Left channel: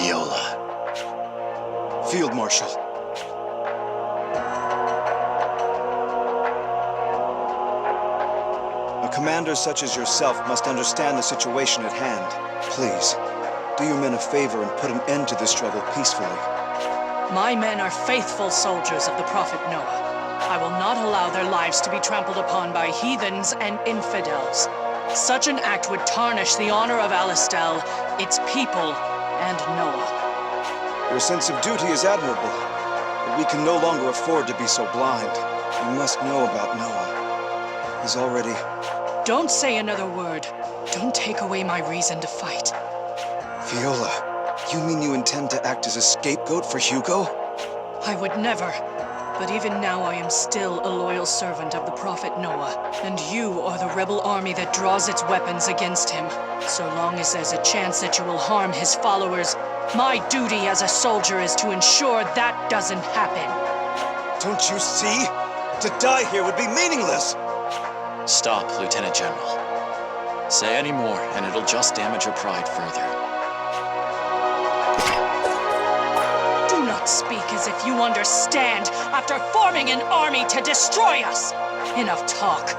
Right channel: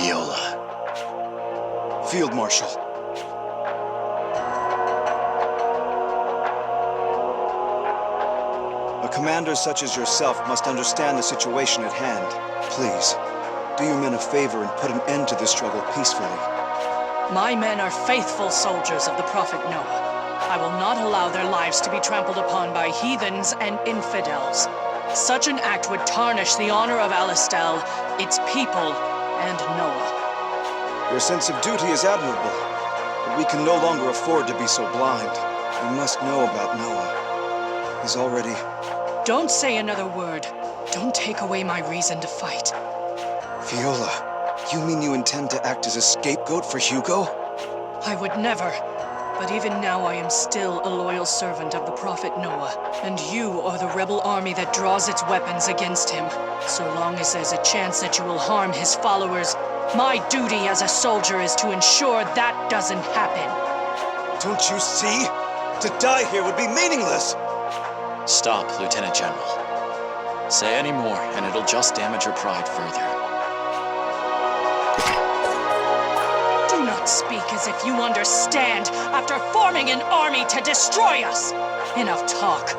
Viola. Field Marshal. A commander such as yourself must understand the situation at hand. Please, do your men a favor and put an end to this struggle peacefully. My men are faithful soldiers of the Prophet Noah. I will not allow their lives to be trampled upon by heathens and infidels. Such an act would tarnish the honor of Alistel, its people, and Noah. Your sense of duty is admirable, but we can no longer afford to be so blind. You must know about Noah. He's already... Don't say another word. Don't take away my reason to fight. Viola, you mean you intend to act as a scapegoat for Hugo? I would never. But even now I am still a loyal servant of the Prophet Noah, and you are the rebel army that draws its weapons against him. So long as there's a chance that you will harm his followers, my duty as a soldier is to ensure that doesn't happen. Don't you see? To die here would be meaningless! Stop, Lieutenant General. Say any more, and it'll just damage your pride further. Do not speak as if you understand after forming an army to destroy us! Enough talk.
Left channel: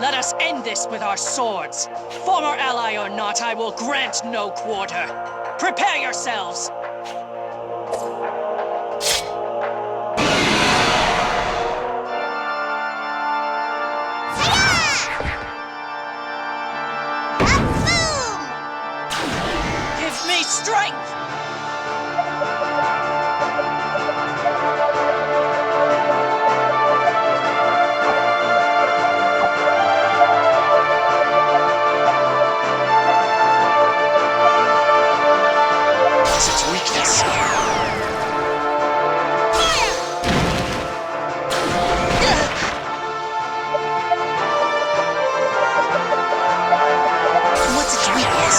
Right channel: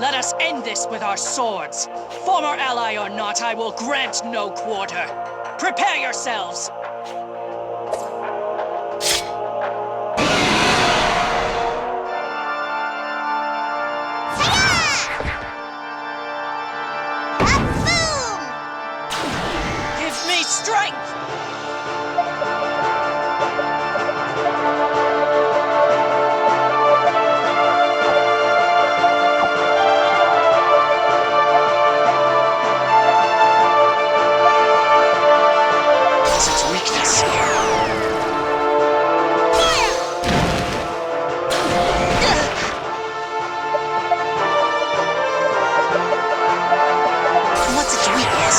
Let us end this with our swords. Former ally or not, I will grant no quarter. Prepare yourselves! Give me strength! What's its weakness? Fire! What's its weakness?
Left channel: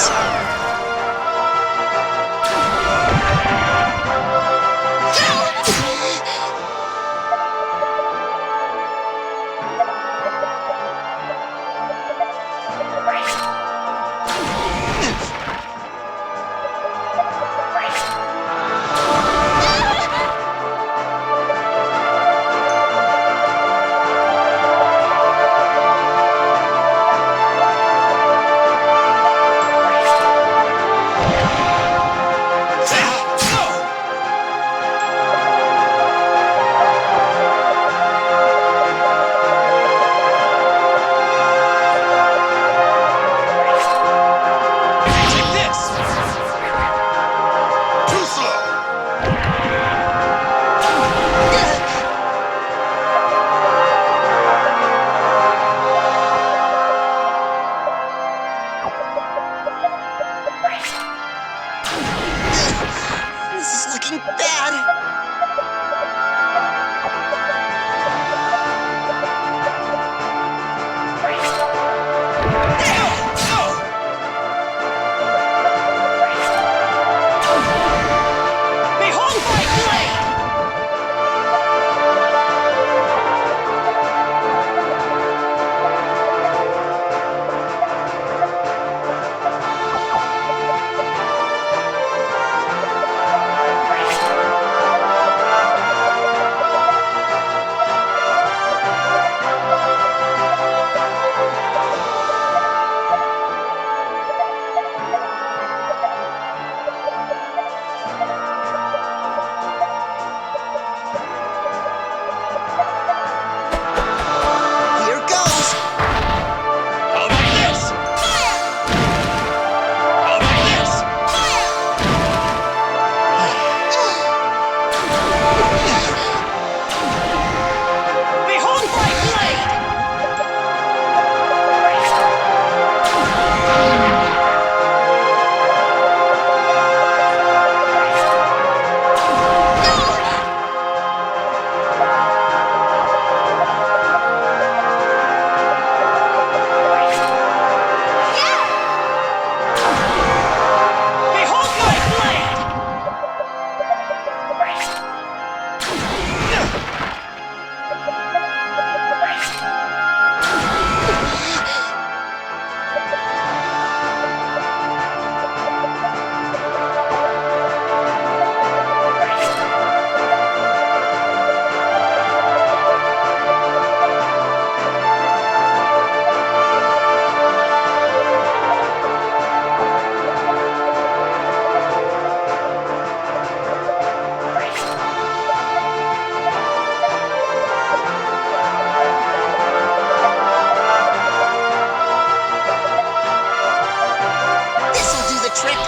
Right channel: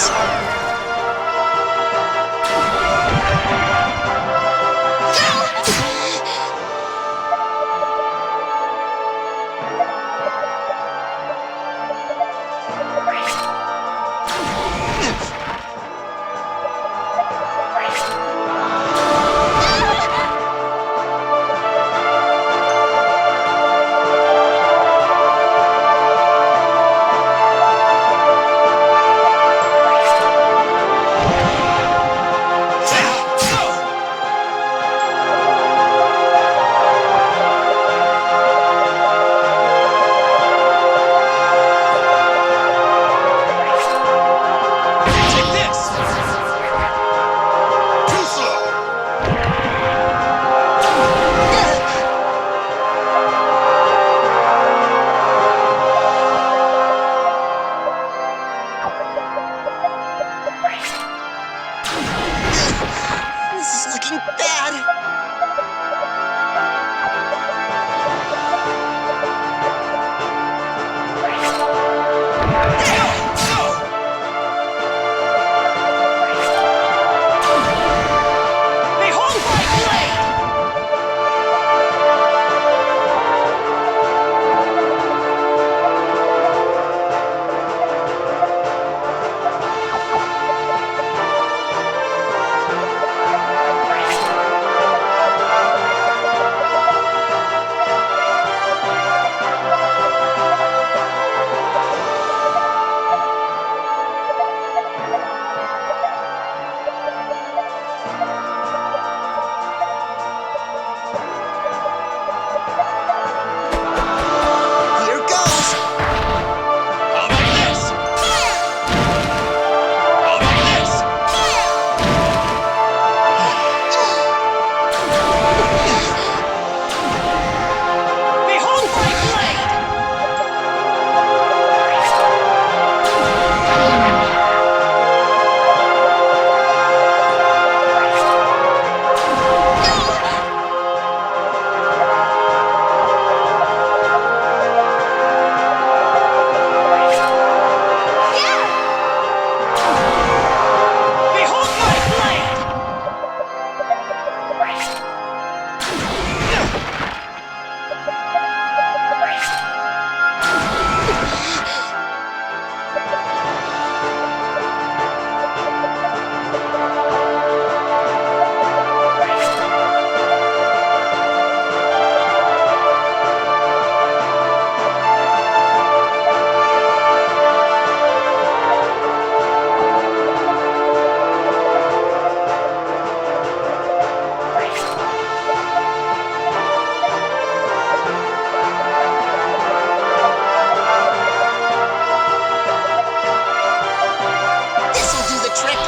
trick?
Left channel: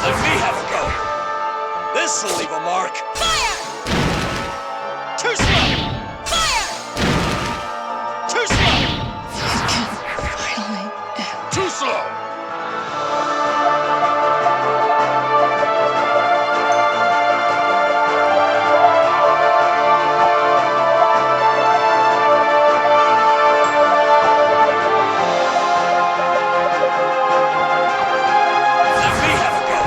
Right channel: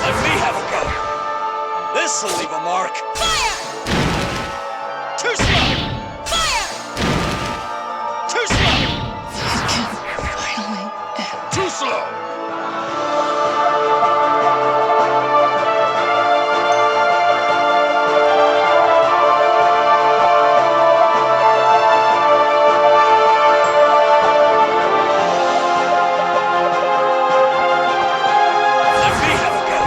Let me have a go. This'll leave a mark. Fire! Too slow. Fire! Too slow. It can finally end. Too slow. Let me have a go.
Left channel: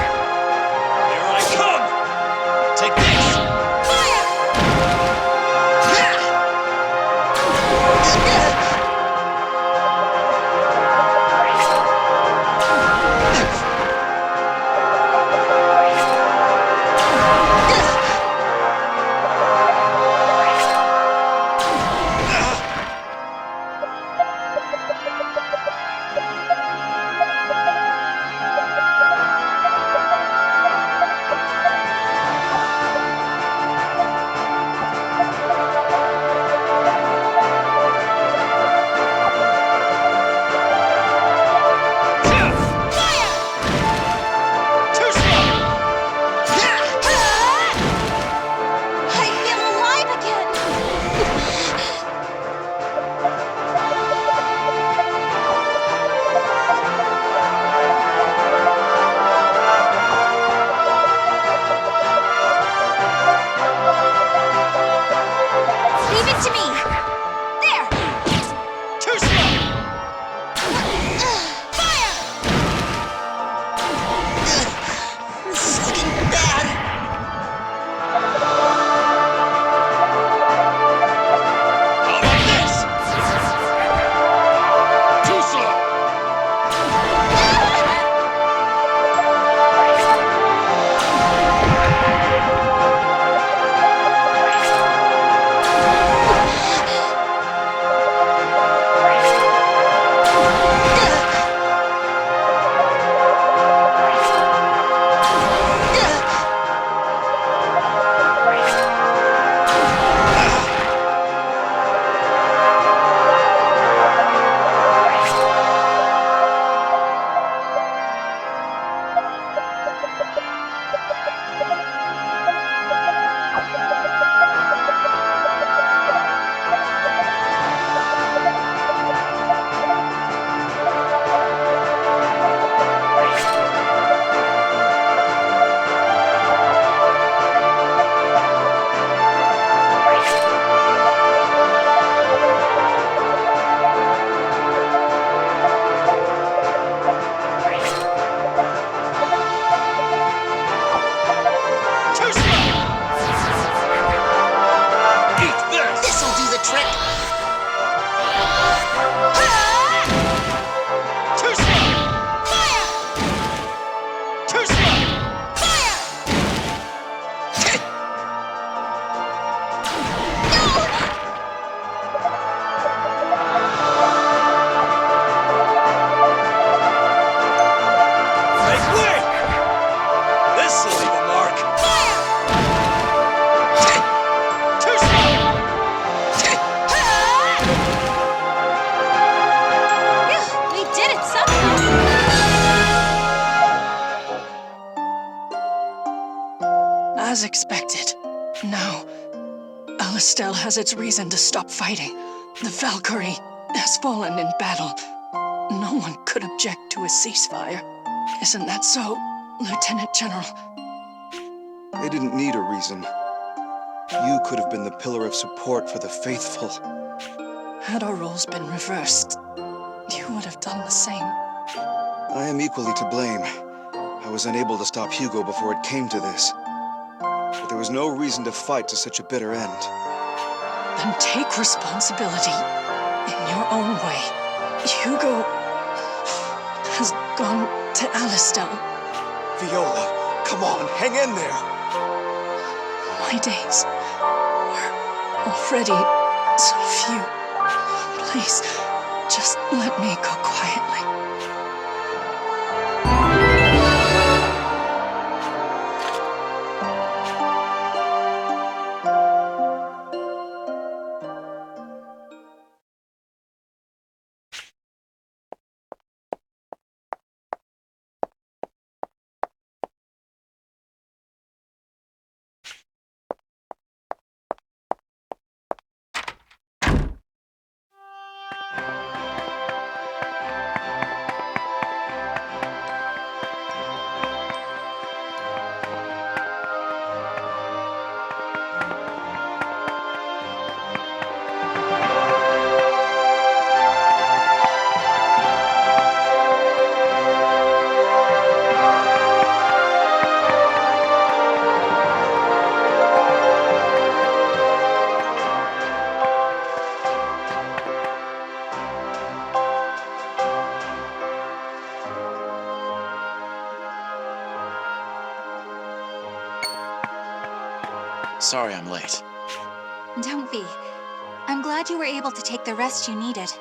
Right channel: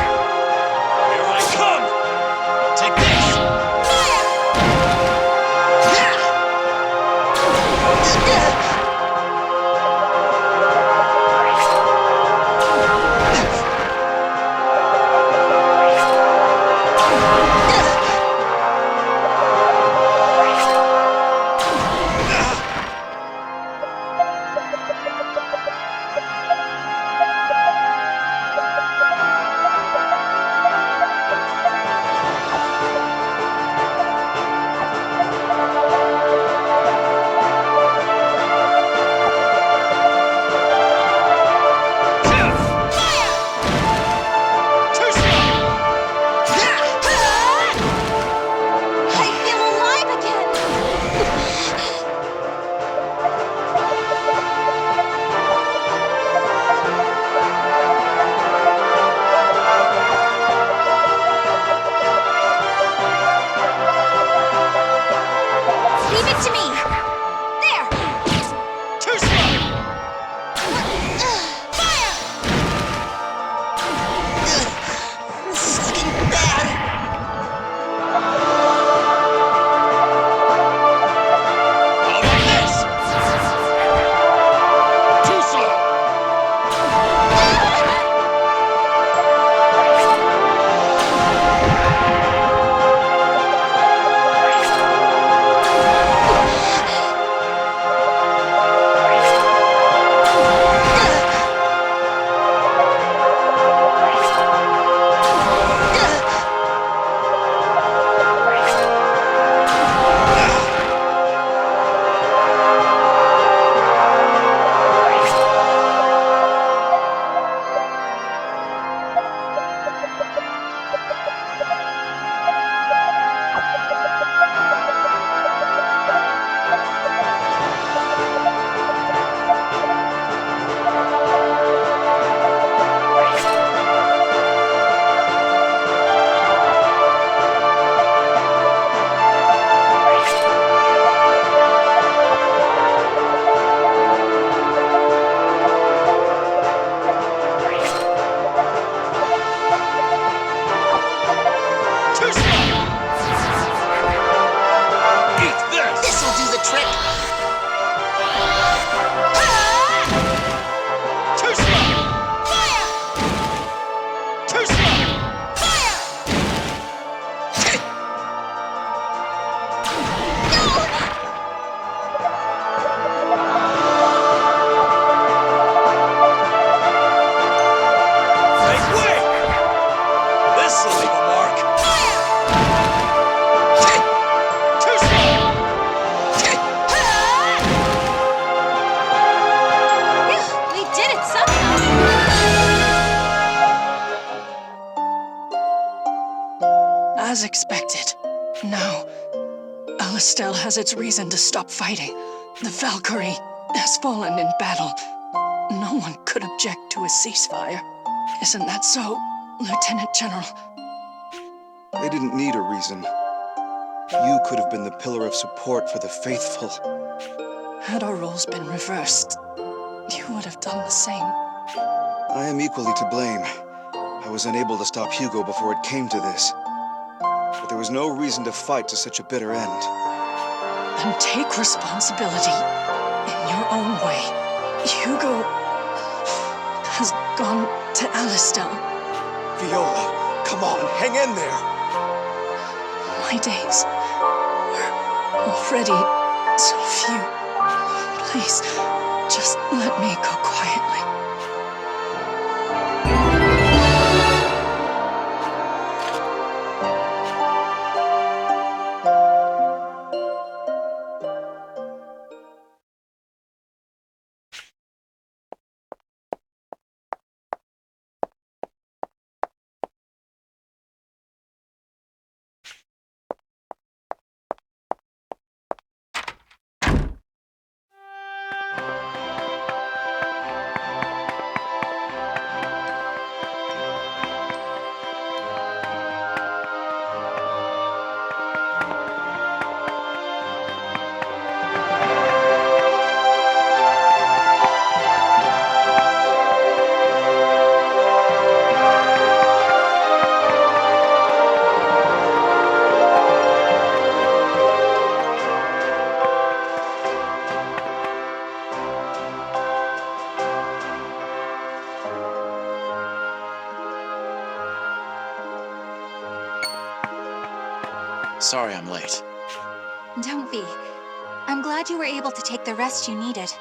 Here I come. Take this. Fire! Fire! Too slow. I feel alive again! Leave it to me! There! Too slow. Fire! This is looking bad. How about this? Too slow. Too slow. Eat this. This'll do the trick. Too slow. Fire! Too slow. Fire! No! Make way. This'll leave a mark. Fire! Too slow. We did it somehow. As expected. Now, Alistel has its reason to stop fighting. The Valkyrie has fallen in battle. No one could object to a ceasefire. Isn't that so, Lieutenant General? They didn't need a reason. You could have been the pillar of support for the faithful. Had our roles been reversed, you would have done the same. I am equally to blame. I was unable to stop Hugo before it came to this. But there was no reason to fight to such a bitter end. Then take responsibility in your own way. Hugo has gone to Alistel. Viola, come on, hang in there! My days were already so few. Please, just let me go quietly. Sorry I'm late. Don't be. I'm glad you were able to take the rest you needed.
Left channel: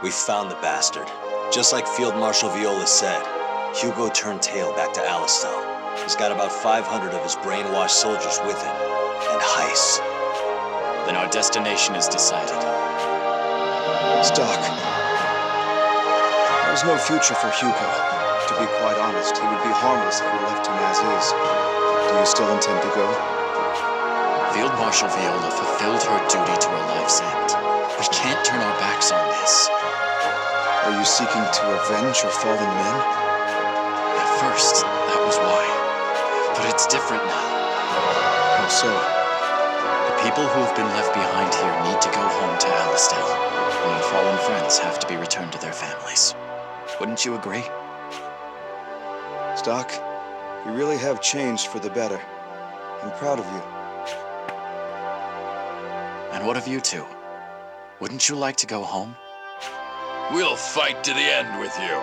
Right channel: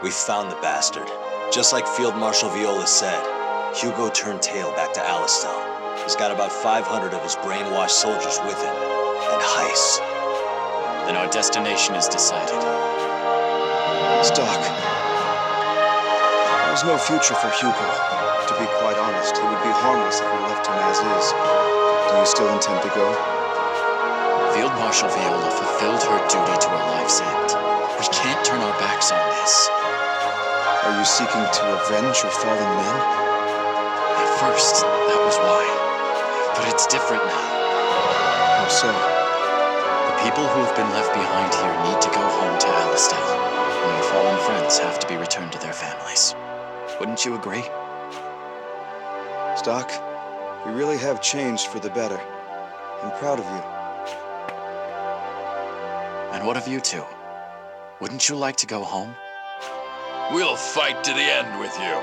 We found the bastard. Just like Field Marshal Viola said, Hugo turned tail back to Alistel. He's got about 500 of his brainwashed soldiers with him. And Heiss. Then our destination is decided. Stocke. There's no future for Hugo. To be quite honest, he would be harmless if we left him as is. Do you still intend to go? Field Marshal Viola fulfilled her duty to her life's end. We can't turn our backs on this. Are you seeking to avenge your fallen men? At first, that was why. But it's different now. How so? The people who have been left behind here need to go home to Alistel, and our fallen friends have to be returned to their families. Wouldn't you agree? Stocke, you really have changed for the better. I'm proud of you. And what of you two? Wouldn't you like to go home? We'll fight to the end with you.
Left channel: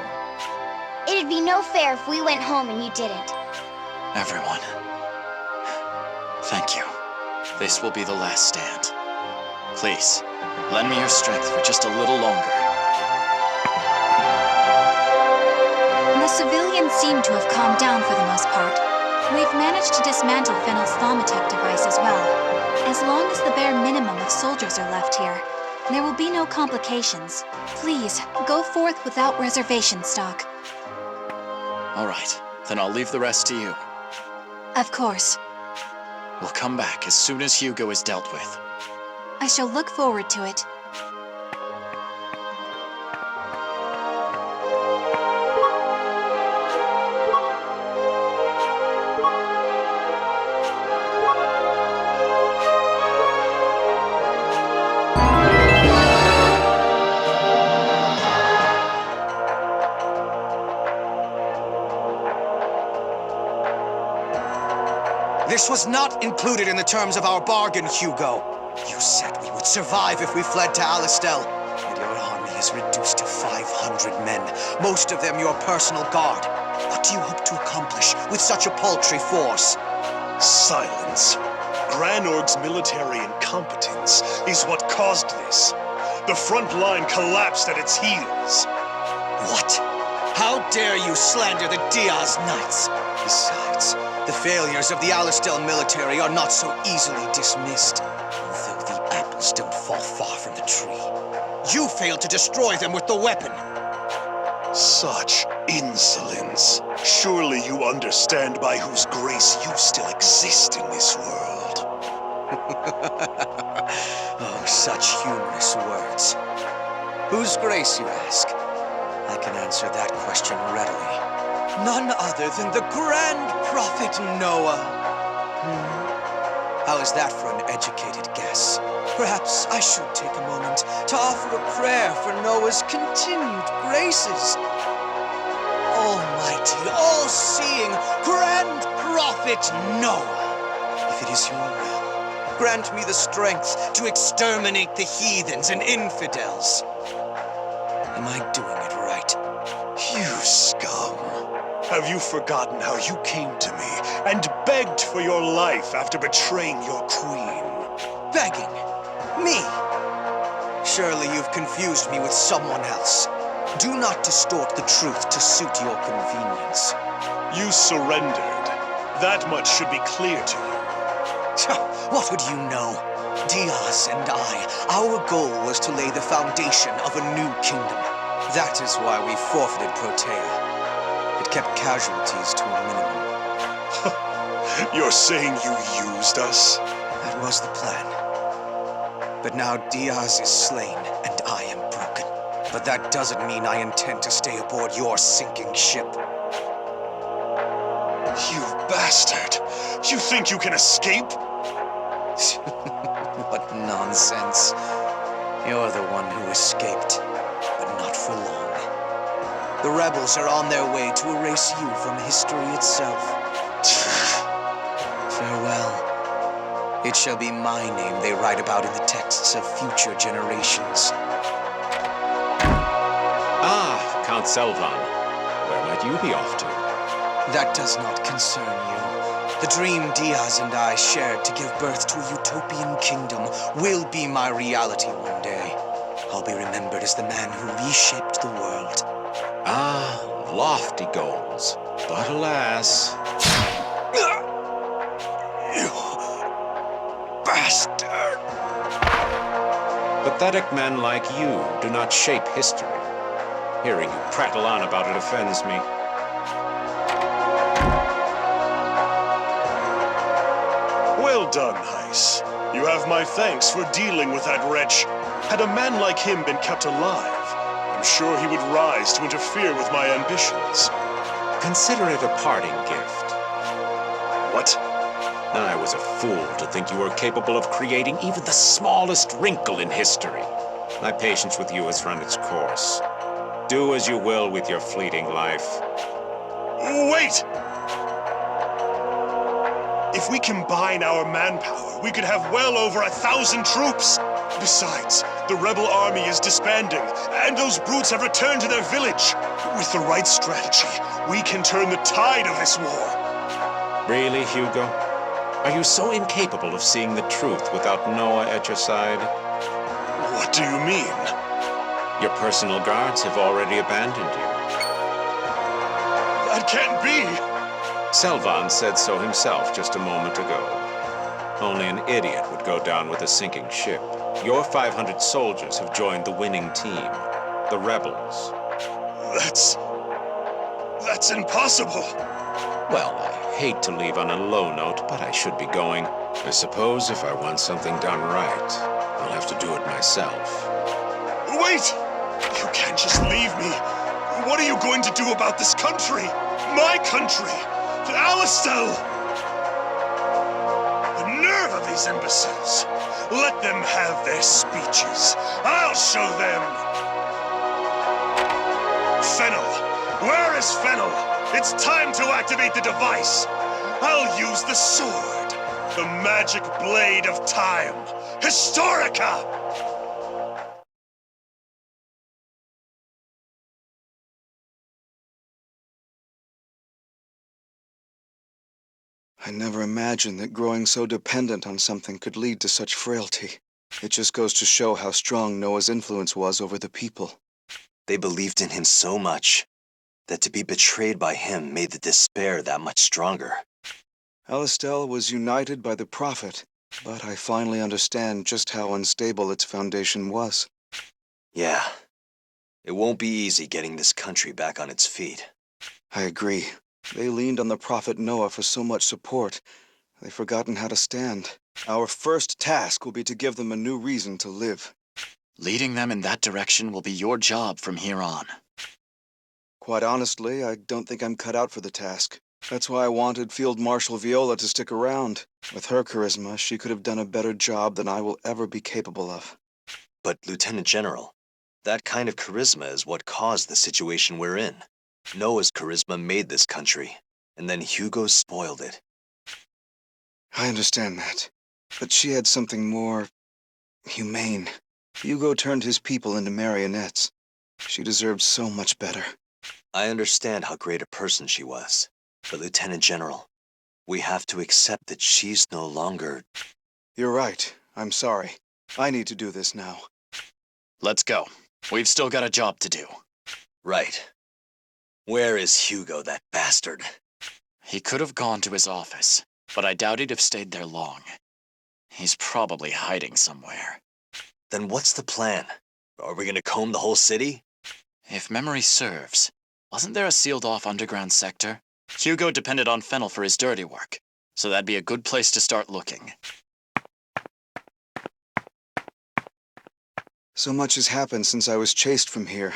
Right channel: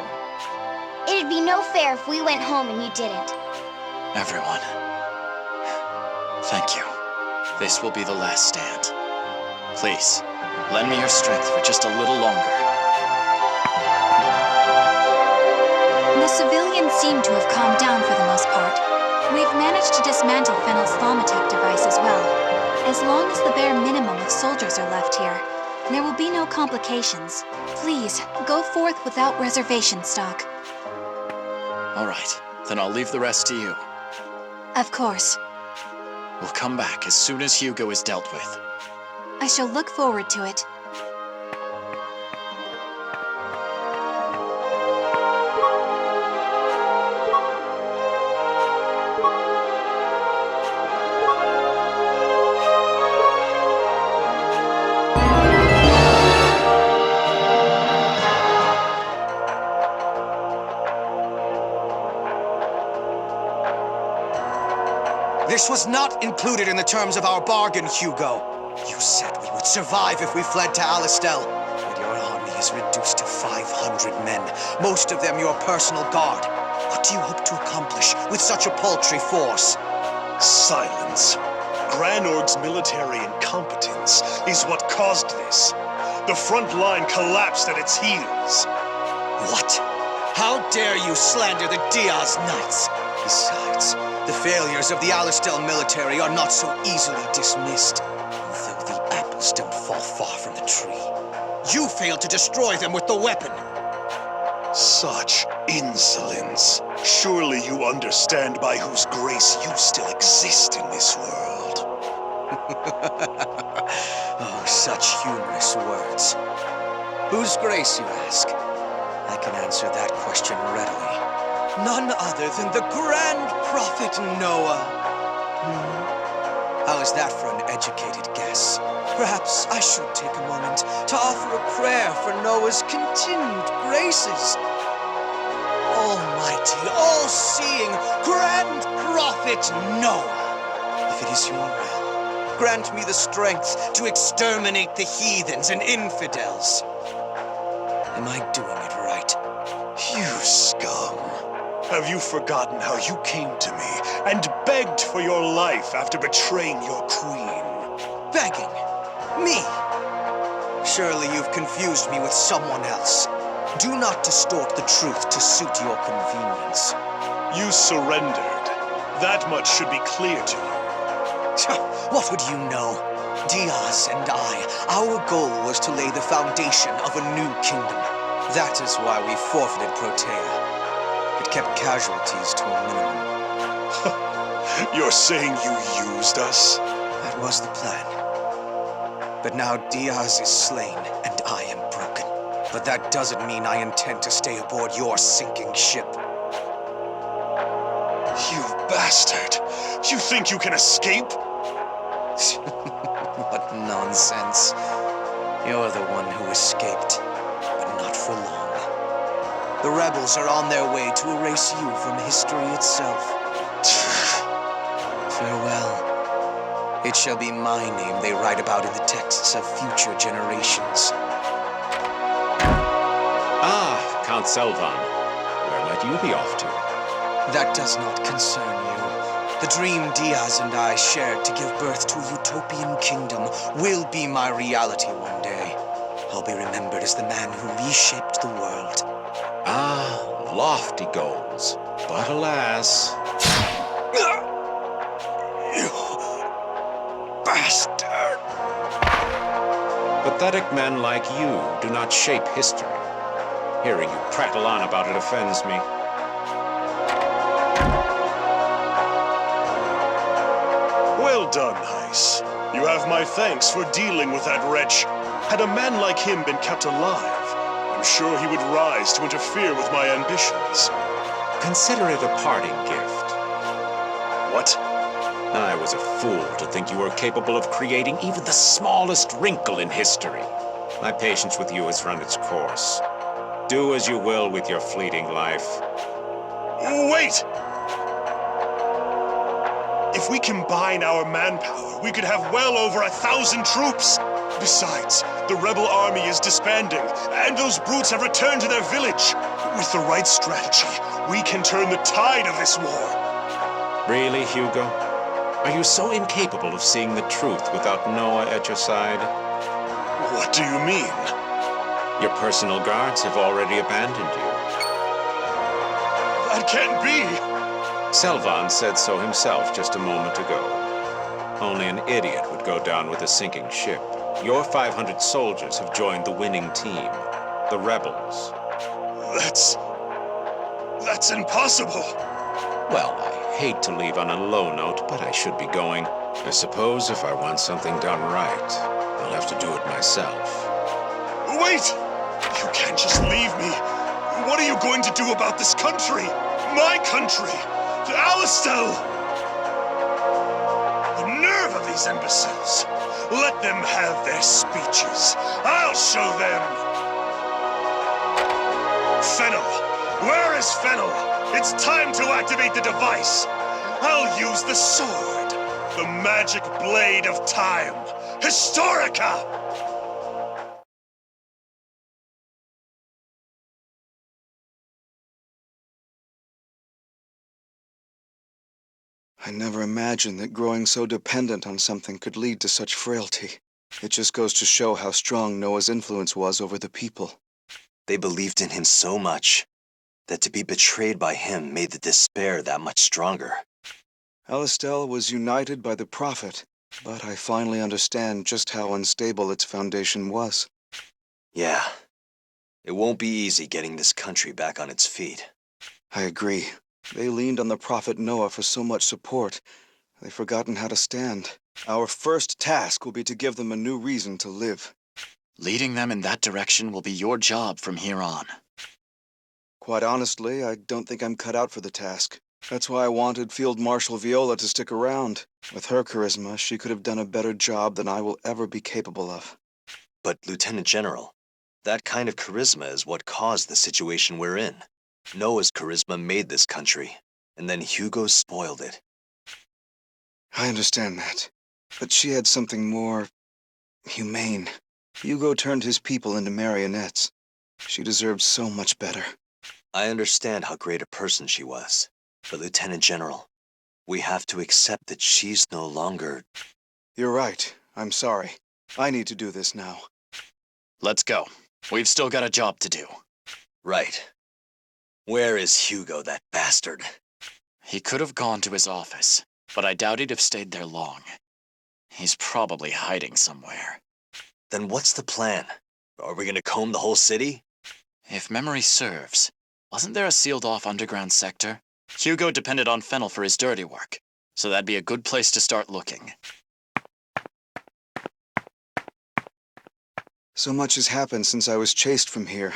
It'd be no fair if we went home and you didn't. Everyone. Thank you. This will be the last stand. Please, lend me your strength for just a little longer. The civilians seem to have calmed down for the most part. We've managed to dismantle Fennel's Thaumatek device as well. As long as the bare minimum of soldiers are left here, there will be no complications. Please, go forth without reservation, Stocke. All right, then I'll leave the rest to you. Of course. We'll come back as soon as Hugo is dealt with. I shall look forward to it. This was not included in the terms of our bargain, Hugo. You said we would survive if we fled to Alistel. Yet your army is reduced to 500 men, most of them your personal guard. What do you hope to accomplish with such a paltry force? Silence. Granorg's military incompetence is what caused this. The front line collapsed at its heels. What? How dare you slander the Diaz Knights? Besides, the failures of the Alistel military are not so easily dismissed, though the apples don't fall far from the tree. You failed to destroy them with the weapon. Such insolence. Surely you understand by whose grace you still exist in this world. Oh, such humorous words. Whose grace, you ask? I can answer that question readily. None other than the Grand Prophet Noah. How is that for an educated guess? Perhaps I should take a moment to offer a prayer for Noah's continued graces. Almighty, all-seeing, Grand Prophet Noah, if it is your will, grant me the strength to exterminate the heathens and infidels. Am I doing it right? You scum. Have you forgotten how you came to me and begged for your life after betraying your queen? Begging? Me? Surely you've confused me with someone else. Do not distort the truth to suit your convenience. You surrendered. That much should be clear to you. What would you know? Diaz and I, our goal was to lay the foundation of a new kingdom. That is why we forfeited Protea. It kept casualties to a minimum. You're saying you used us? That was the plan. But now Diaz is slain, and I am broken. But that doesn't mean I intend to stay aboard your sinking ship. You bastard! You think you can escape? What nonsense. You're the one who escaped, but not for long. The rebels are on their way to erase you from history itself. Farewell. It shall be my name they write about in the texts of future generations. Ah, Count Selvan. Where might you be off to? That does not concern you. The dream Diaz and I shared to give birth to a utopian kingdom will be my reality one day. I'll be remembered as the man who reshaped the world. Ah, lofty goals. But alas... You bastard! Pathetic men like you do not shape history. Hearing you prattle on about it offends me. Well done, Heiss. You have my thanks for dealing with that wretch. Had a man like him been kept alive, I'm sure he would rise to interfere with my ambitions. Consider it a parting gift. What? I was a fool to think you were capable of creating even the smallest wrinkle in history. My patience with you has run its course. Do as you will with your fleeting life. Wait! If we combine our manpower, we could have well over 1,000 troops. Besides, the rebel army is disbanding, and those brutes have returned to their village. With the right strategy, we can turn the tide of this war. Really, Hugo? Are you so incapable of seeing the truth without Noah at your side? What do you mean? Your personal guards have already abandoned you. That can't be! Selvan said so himself just a moment ago. Only an idiot would go down with a sinking ship. Your 500 soldiers have joined the winning team, the rebels. That's impossible! Well, I hate to leave on a low note, but I should be going. I suppose if I want something done right, I'll have to do it myself. Wait! You can't just leave me! What are you going to do about this country? My country! To Alistel! The nerve of these imbeciles! Let them have their speeches. I'll show them! Fennel! Where is Fennel? It's time to activate the device! I'll use the sword! The magic blade of time! Historica! I never imagined that growing so dependent on something could lead to such frailty. It just goes to show how strong Noah's influence was over the people. They believed in him so much that to be betrayed by him made the despair that much stronger. Alistel was united by the Prophet, but I finally understand just how unstable its foundation was. Yeah. It won't be easy getting this country back on its feet. I agree. They leaned on the Prophet Noah for so much support, they've forgotten how to stand. Our first task will be to give them a new reason to live. Leading them in that direction will be your job from here on. Quite honestly, I don't think I'm cut out for the task. That's why I wanted Field Marshal Viola to stick around. With her charisma, she could have done a better job than I will ever be capable of. But, Lieutenant General, that kind of charisma is what caused the situation we're in. Noah's charisma made this country, and then Hugo spoiled it. I understand that. But she had something more humane. Hugo turned his people into marionettes. She deserved so much better. I understand how great a person she was. But, Lieutenant General, we have to accept that she's no longer... You're right. I'm sorry. I need to do this now. Let's go. We've still got a job to do. Right. Where is Hugo, that bastard? He could have gone to his office, but I doubt he'd have stayed there long. He's probably hiding somewhere. Then what's the plan? Are we gonna comb the whole city? If memory serves, wasn't there a sealed-off underground sector? Hugo depended on Fennel for his dirty work, so that'd be a good place to start looking. So much has happened since I was chased from here.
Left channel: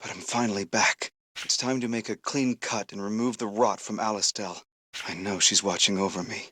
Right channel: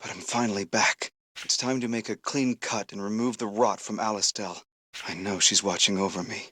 But I'm finally back. It's time to make a clean cut and remove the rot from Alistel. I know she's watching over me.